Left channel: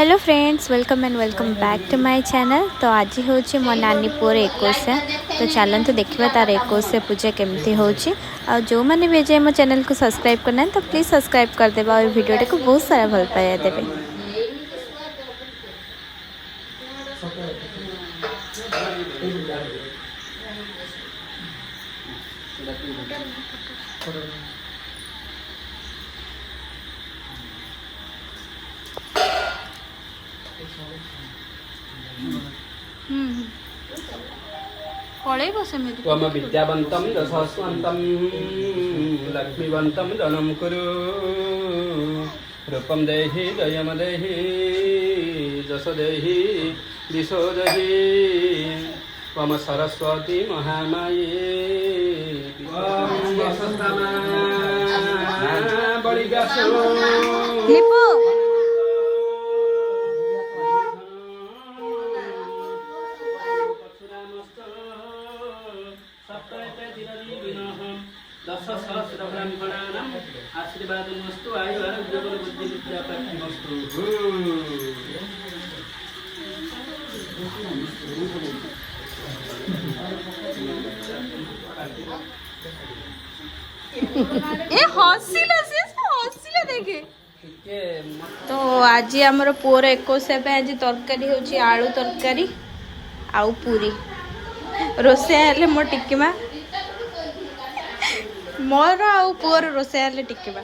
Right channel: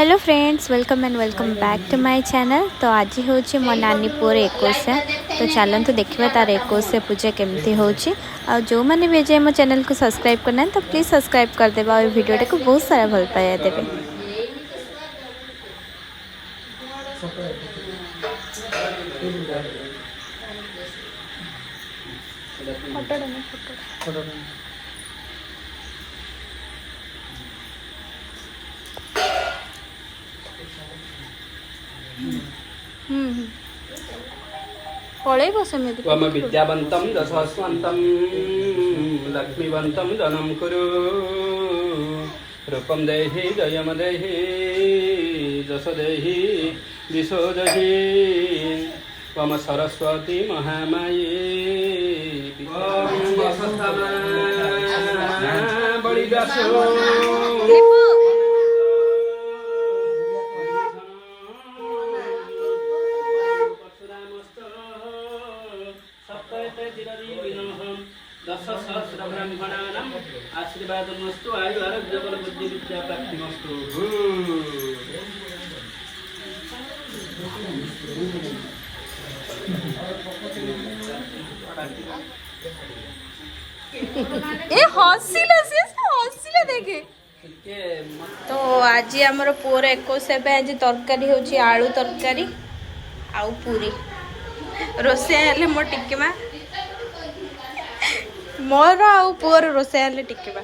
Hello friends welcome and welcome back to my channel. तो आज हूँ मो नानी पुअर 21। तो चलते देखा तार 21 पूजा केमती हो। जो मैंने भी जाए मो चैनल को सब्सक्राइब करना तो प्लीज़ सब्सक्राइब करदेवे और वीडियो को बहुत सारा भल पाया देवे। पलैब सेमती त्वम विद्यावन्तं दशस्वन्तं लक्ष्मीवन्तं गणं कुरु रूपं देहि जयं देहि दश देहि दिशो देहि त्वं सरस्वती महामाये त्वं वसन्तमा बलिदासो दश सहस्र ब्राह्मणानाम् आशीर्वादमस्तु आयु आरोग्य बल बुद्धि विद्या प्राप्तिमस्तु। ए हसीला देखे। तो आज आमर पुअर 21 आज तरकारी होची आलू तरकारी आउ पूरी रोसे हेले मो टिकिमा मोर आउ पुअर रोसे हेले टिकिबा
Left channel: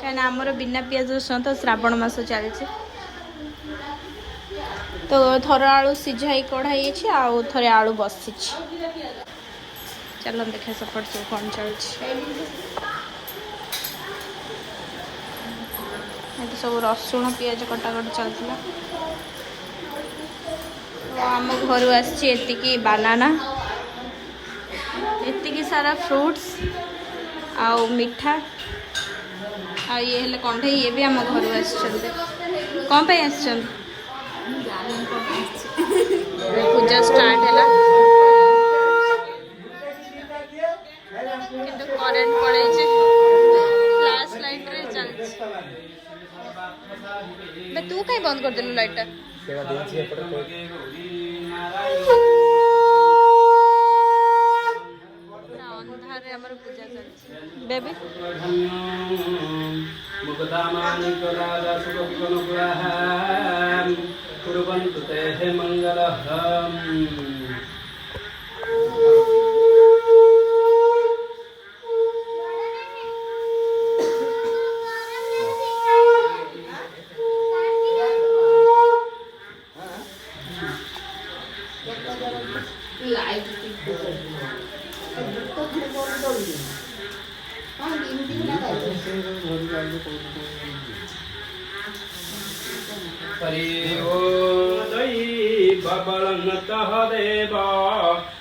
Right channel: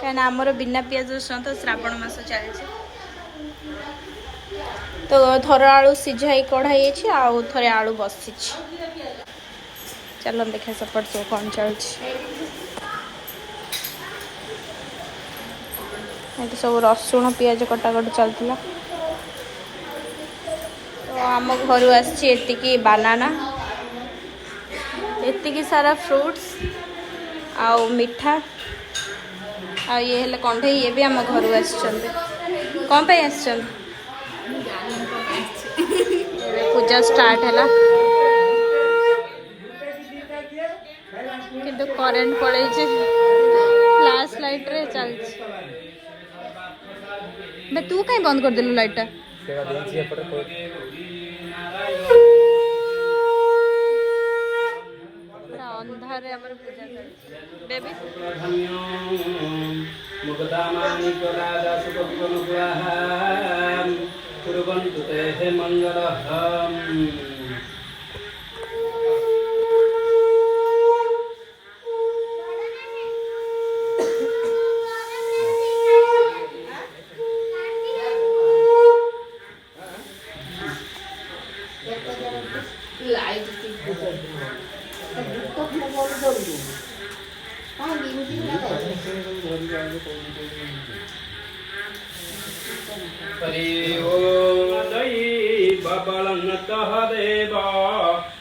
कहीं आमर बिना पियाज रसुण तो श्रावण मास चलती। तो थर आलू सीझाई कढ़ाई आउ थरे आलू बसी। चलो देखा सपट सब कौन चलती। तो सब रसुण पियाज कटाकट चलता। तो आम घर आसी बानाना एतिकी सारा फ्रूट्स आउ मिठा आ ये हेले कंठे ये भी आम घर कौन पे पूजा स्टार्ट है किंतु करेंट पड़े फ्लैश लाइट रे चल। तू कहीं बंद कर देलु लाइट अंधारे हमर पूजा चलछि बेबी मुक्तामानि जलादा सुखविगुणग्रहां कुर्वन्तु ते मंगलम्। हरि ओदयी बबलंतः देवा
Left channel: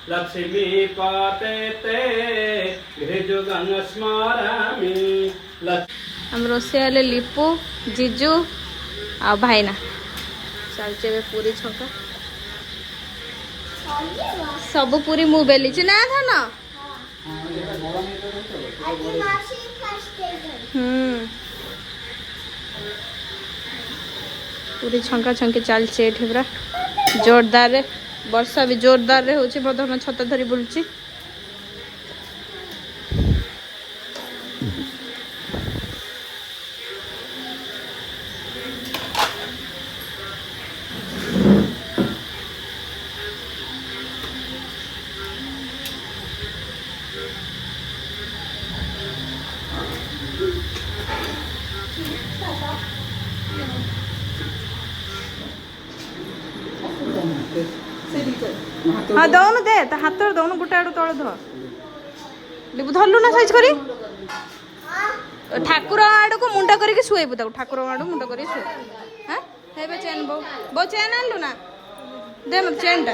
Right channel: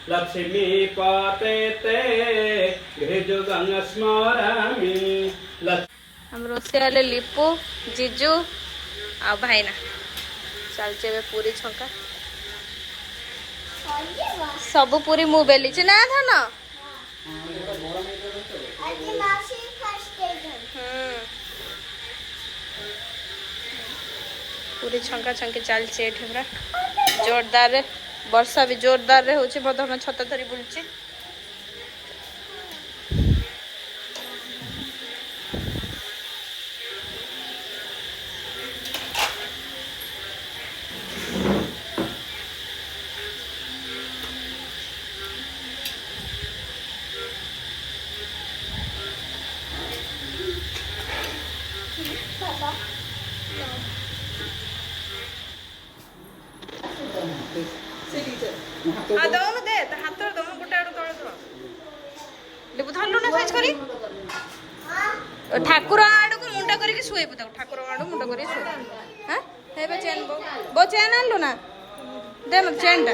लक्ष्मी पाते ते गृहजुगं स्मरामि। हम रोसे वाले लिपू जीजू आ भाईना चलचे पूरी छंका सब पूरी मु बेली ना था ना। पूरी छंका छंकी चलती पूरा जोरदार रे वर्षा भी जोरदार रे होची हम छता धरी बुलची। हाँ दौन दे तो हाथ दौन गोटे आड़ तले धर लिपु धरलु ना साइज करी ठाकुर आड़ को मुंडा करके शुएबु ताऊ ठाकुर आड़ मुंडा करके शुए। हाँ हे चेन बो चेन आनलु ना दे मत चेन टा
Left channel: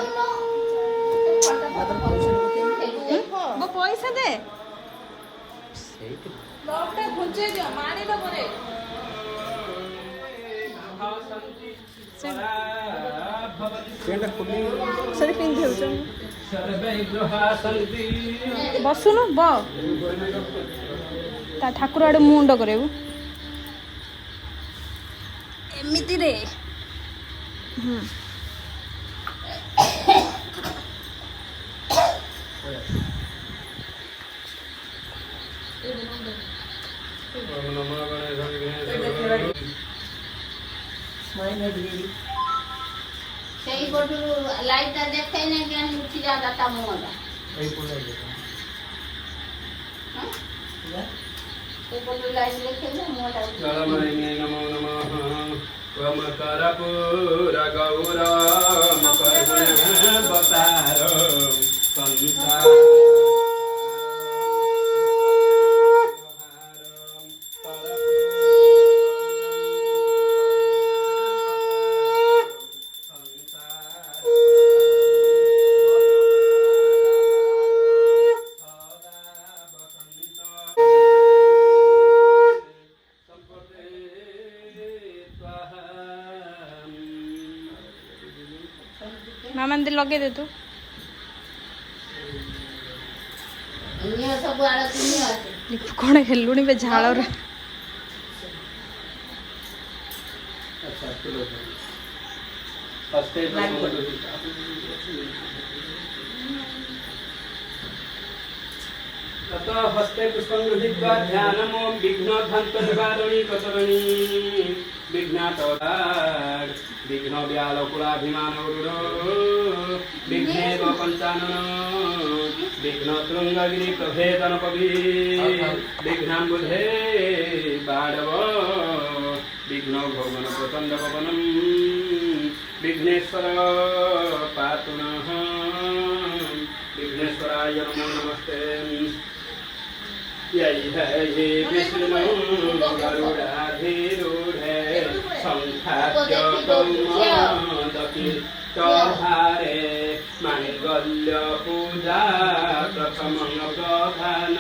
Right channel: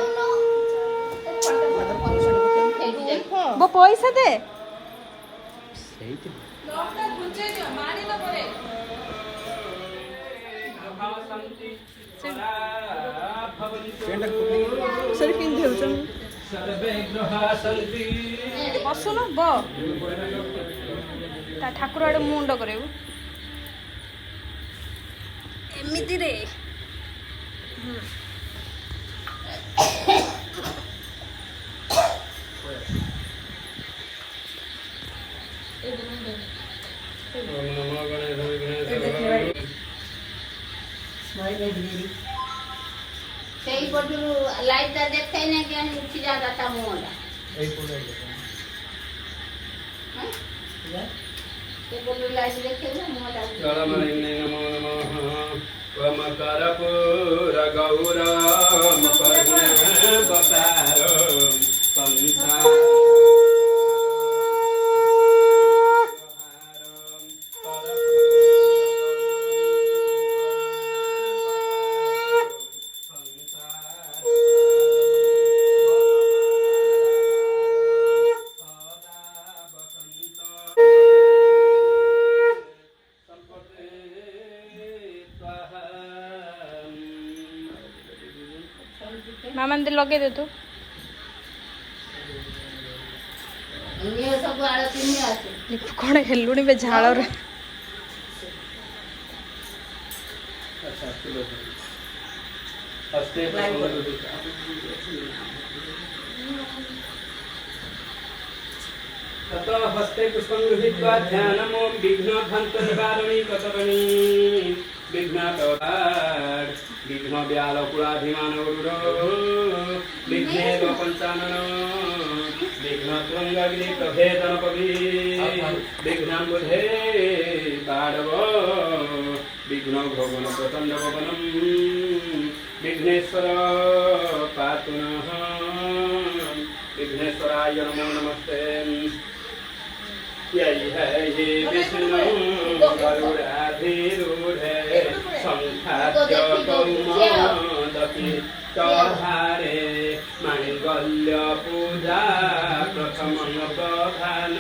बो पैसा दे सरी पिंधे बसुन ब ठाकुर आड़े मुंड करे एमती रे সেই বটু লাইটটা দেখাই না কেন উঠি যাওয়াটা মোলা এই বটু লাইট দেখাই না মোটা নমো নমঃ কমকরপুর গৌরম কর্ণবতার সংসার ମାମା ଲଗେଇ ଦେ ତୁ ନିଅ ସବୁ ଆଳତି ନିଅ ଅଛି ଲିପୁ କଣ ହେଲୁଣି ବେ ଝାଳରେ अच्छा चलो हस्ते ततो हस्ते पुष्पं गृहीत्वा ध्यानमो विघ्नध्वंसनिवारणी कसरणी विघ्नाटोराड विघ्न व्यालपुराधिमानो विघ्नेव पञ्चाननो विघ्नतृङ्गग्निप्रभेदनपभि विघ्नाम्बुधे बाडव विघ्नभवन प्रचण्डभवनं विघ्नेश्वर पातु नः विघ्नेश्वराय नमो नमस्ते यही है ये विष्णु गरुडाधिरूढे संख्याद्य कौमोदकी चौहारे मांगल्य पूजा प्रथमं दधान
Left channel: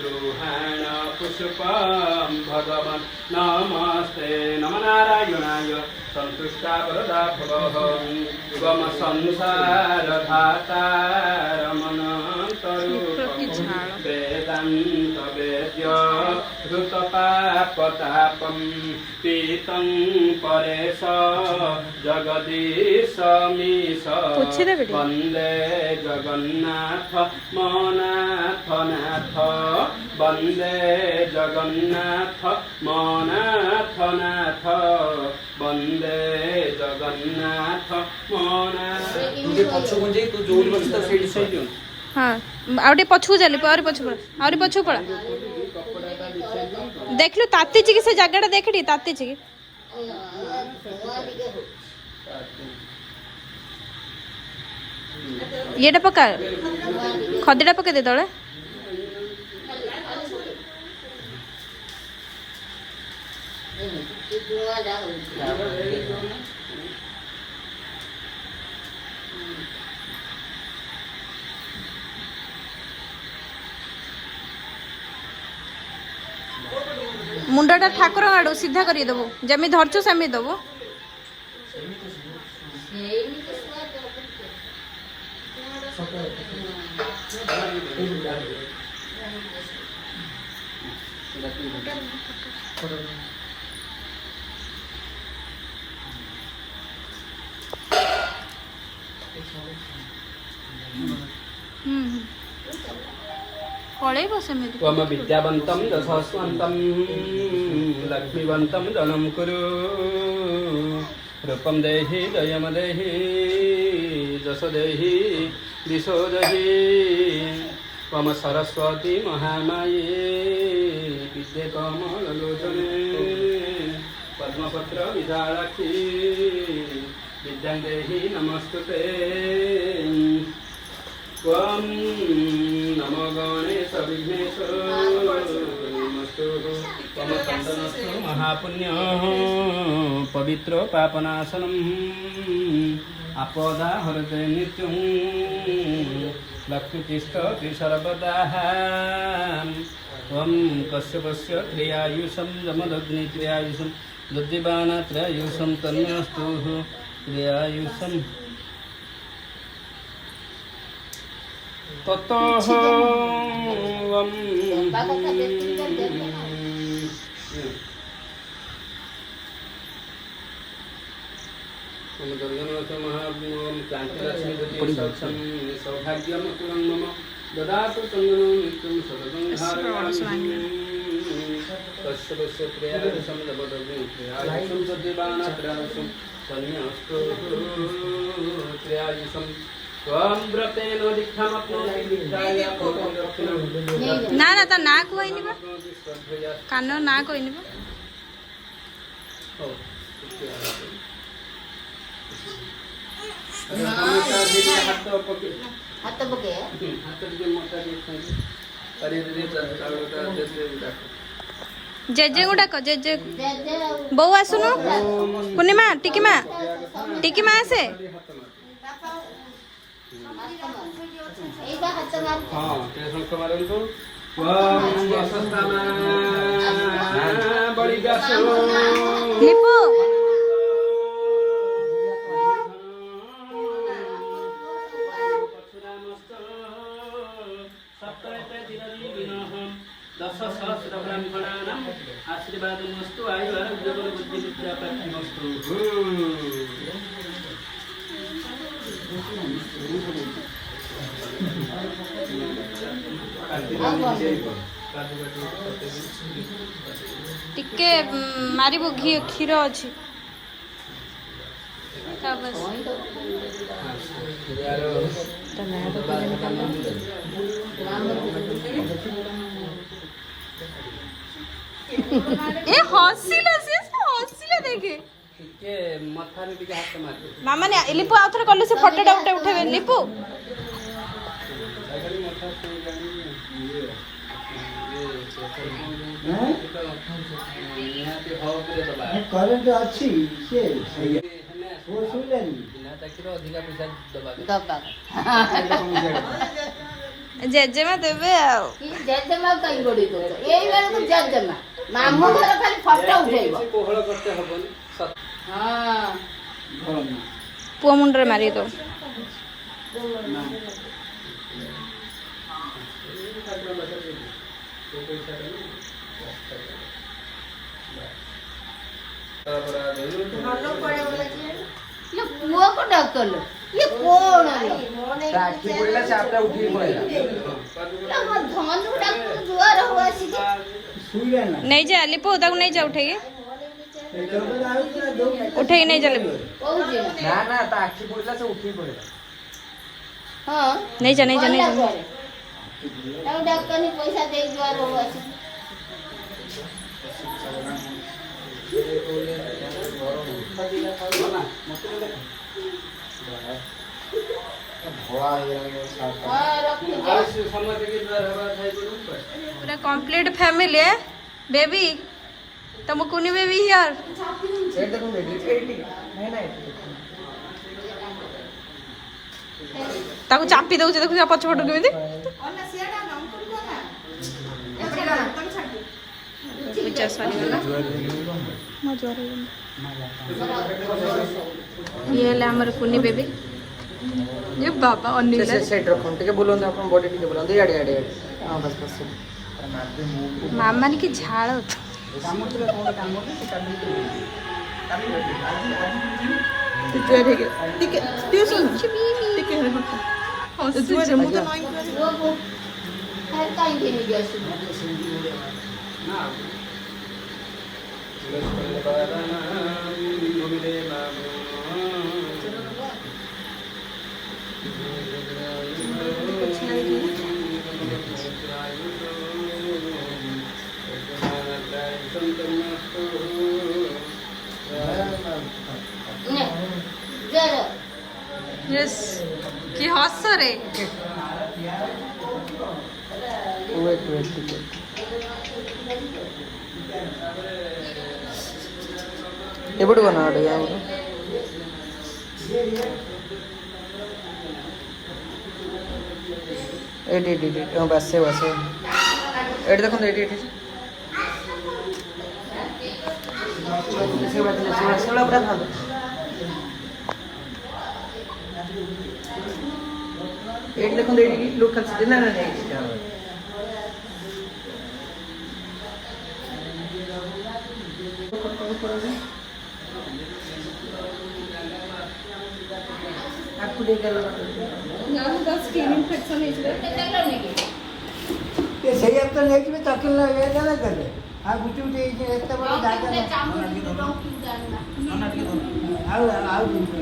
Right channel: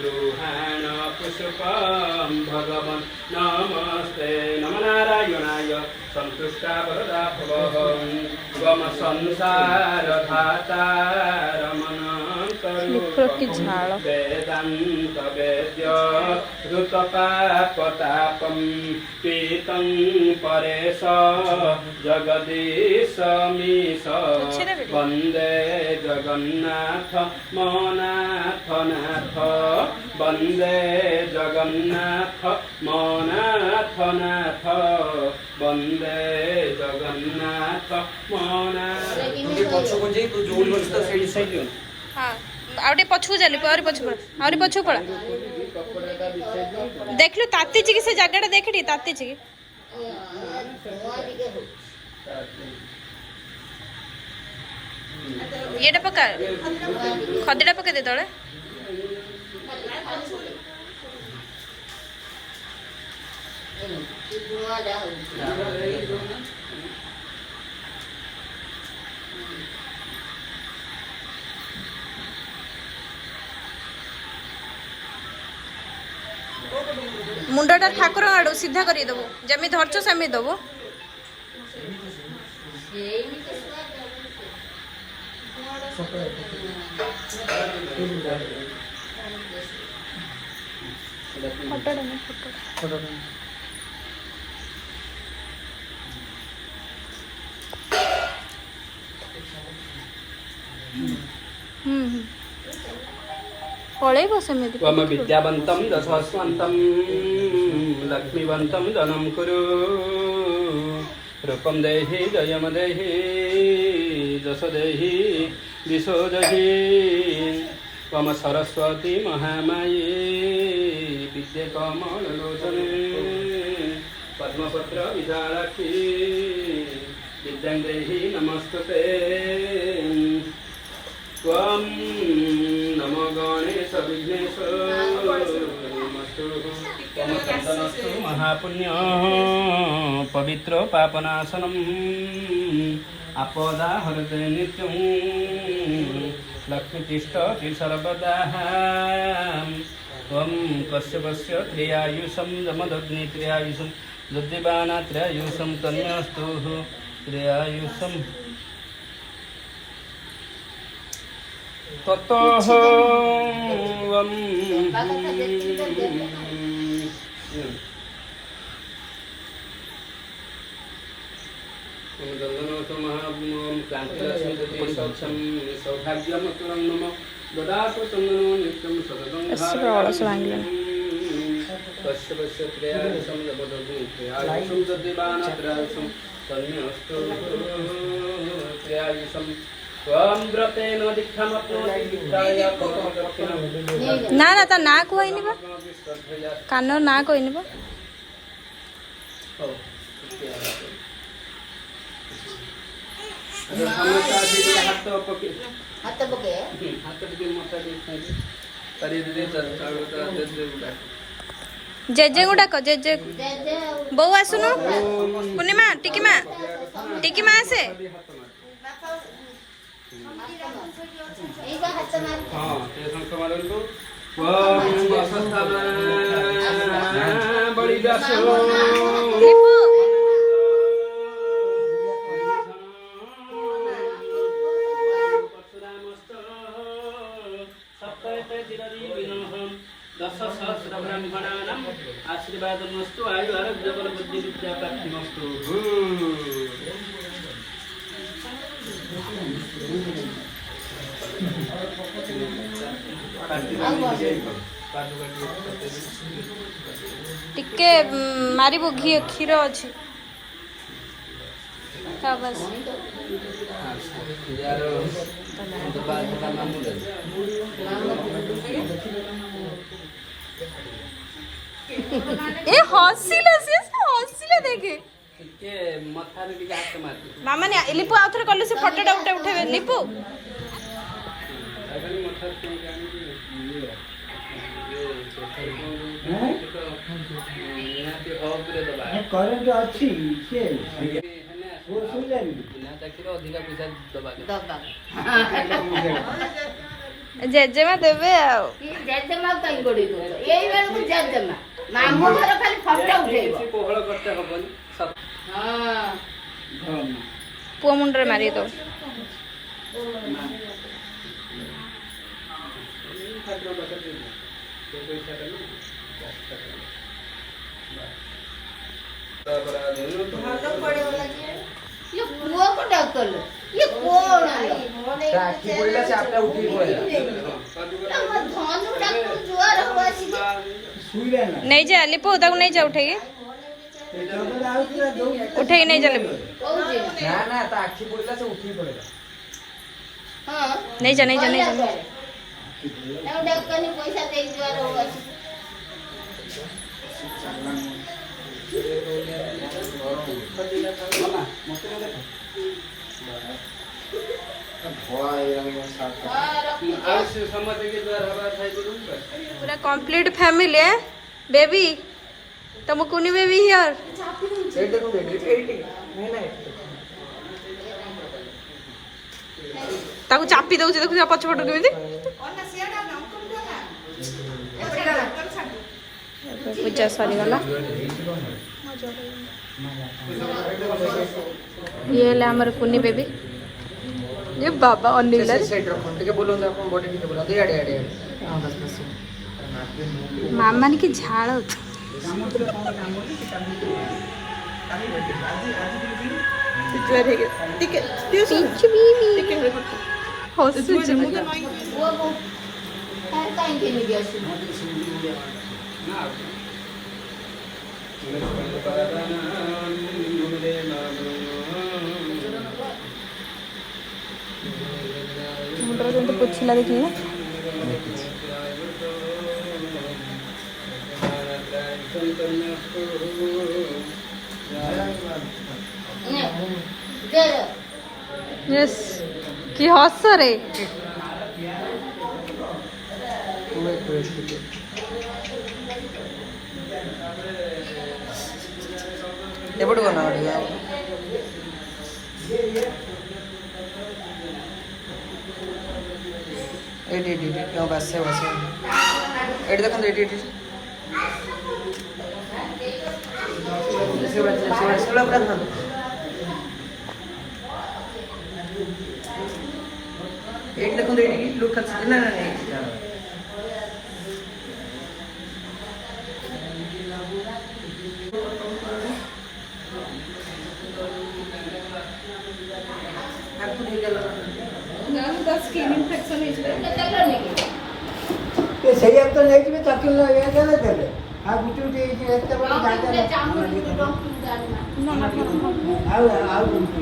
गृहाण पुष्पं भगवन् नमस्ते नमो नारायणाय संतुष्टा वरदा भवः गम संसार धातारमनन्तरूपं वेदान्त वेद्य ऋतपापतापं पीतं परेश जगदीशमीश वन्दे जगन्नाथ मनाथ नाथ वन्दे जगन्नाथ मनाथ नाथ वन्दे जगन्नाथ मनाथ हाँ आउटे पछू जाली और पछू पड़ा और पछू पड़ा देख लो ताती जी से जगह देख ली ताती जी ये पका खदड़ा पका दे तले मुंडा ठाकुर आड़ सीधा कर देव जमी धरचु सेमी दब पलैब सेमती त्वम विद्यावन्तं दशस्वन्तं लक्ष्मीवन्तं धनं कुरु रूपं देहि जयं देहि दश देहि दिशो देहि त्वम सरस्वती महामाये विद्ये कमललोचने पद्मपत्र विशालाक्षी विद्यां देहि नमस्तुते त्वं नमो गणेश विघ्नेश नमस्तु त्वं चन्दनस्तु महापुण्यः पवित्र पापनाशनम् आपदा हरते नित्यं लक्ष्मीतिष्ठति सर्वदा त्वं कश्यपस्य त्रियायुषं जमदग्नित्रियायुषं दद्दिवानात्रियायुषं तन्यस्तु त्रियायुषम् ततः ओम चंदनोऽस्तु महाभूम क्रांतिलक्ष्मी ज्योति सौक्षम सौभाग्यमतुलं मम ददातु चंदनो नित्यं सततं तस्य क्रियादिशं जपदग्नि क्रियादिशं तद्दिवानत्रयादिशं तन्मेऽस्तु क्रियादिशं त्वं व्रतेन दीक्षामप्नोति दीक्षाय करोति दक्षिणं ना ना ता ना कहनी बा कान ना कहनी बा हाथ पके जेजे गुडा को जेजे बो आसुनु पूर्णिमा टिकी माँ आसे दश सहस्र ब्राह्मणानाम् आशीर्वादमस्तु आयु आरोग्य बल बुद्धि विद्या प्राप्तिमस्तु टिके मारिबो घी क्षीर अछि का बस ए हसीला देखे मामा ने लिपु आउथरे कले से फोटोटा उठे लिपु करेंट अच्छी से वो सुनलेनी जेजेमा देबे आ जेजेमा कहीं बड़ी को यही वाले को जेजेमा मामू घर खाली फोटो उठेबो कोहळ करते हबनी हां पुआ मुंडरे मारी दो ये पुआ को डकल ये कौन है टाकी बोला से आपला उठी पड़ेगा तब धनु डाक जुआर हुआ सी सुईले ना नहीं जा लिपो ताको नहीं जा उठेगी उठेगी नहीं जा लिपो ना ना टाकी बोला से उठी पड़ेगा हां नहीं जा तब डकनी पैसा दे जुआर हुआ सी पूरा कंप्लीट फैमिली है बेबी तुम कुनी बेबी हियर ताको चापी दउछ देखु पछ पट केमिति पूजा सरी गला ये ले हमर कुनी बेबी ये बाबा अनिल सेट रखो ठीक है बोलो ना अपन बॉडी ठीक बोलो दे आड़े आड़े हां बस बस मामा की झाड़ होता कुछ ना देखिए ना यस की हस रे ఎప్పుడు కొన్నాడు एट एट एट बस से एट देखो एट एट एट देखो एट लोग ना ତାକୁ ଦେଇକି ସେଇଆକୁ ତ ନେଇଯିବେ ତାକୁ ଇଏ ଦେଲେ ଦେବେ ଆଉ ଗୁଟି ଗୁଟି ହେଇକି ଏତେ ବଡ଼ ଜାଗା ଆଉ ଗୁଟି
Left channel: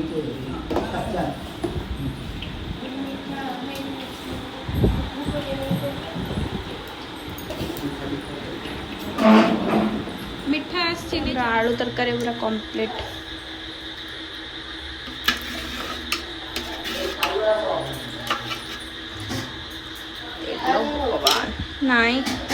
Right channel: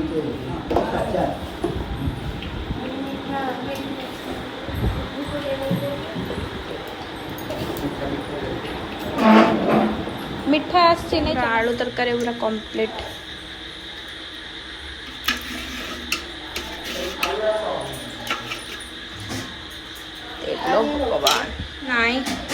ଆଚ୍ଛା ମିଠା ଆସିଛି ଆଳୁ ତରକାରୀ ପୁରା କମ୍ପ୍ଲିଟ୍। ଭଗବାନ ନାଇଁ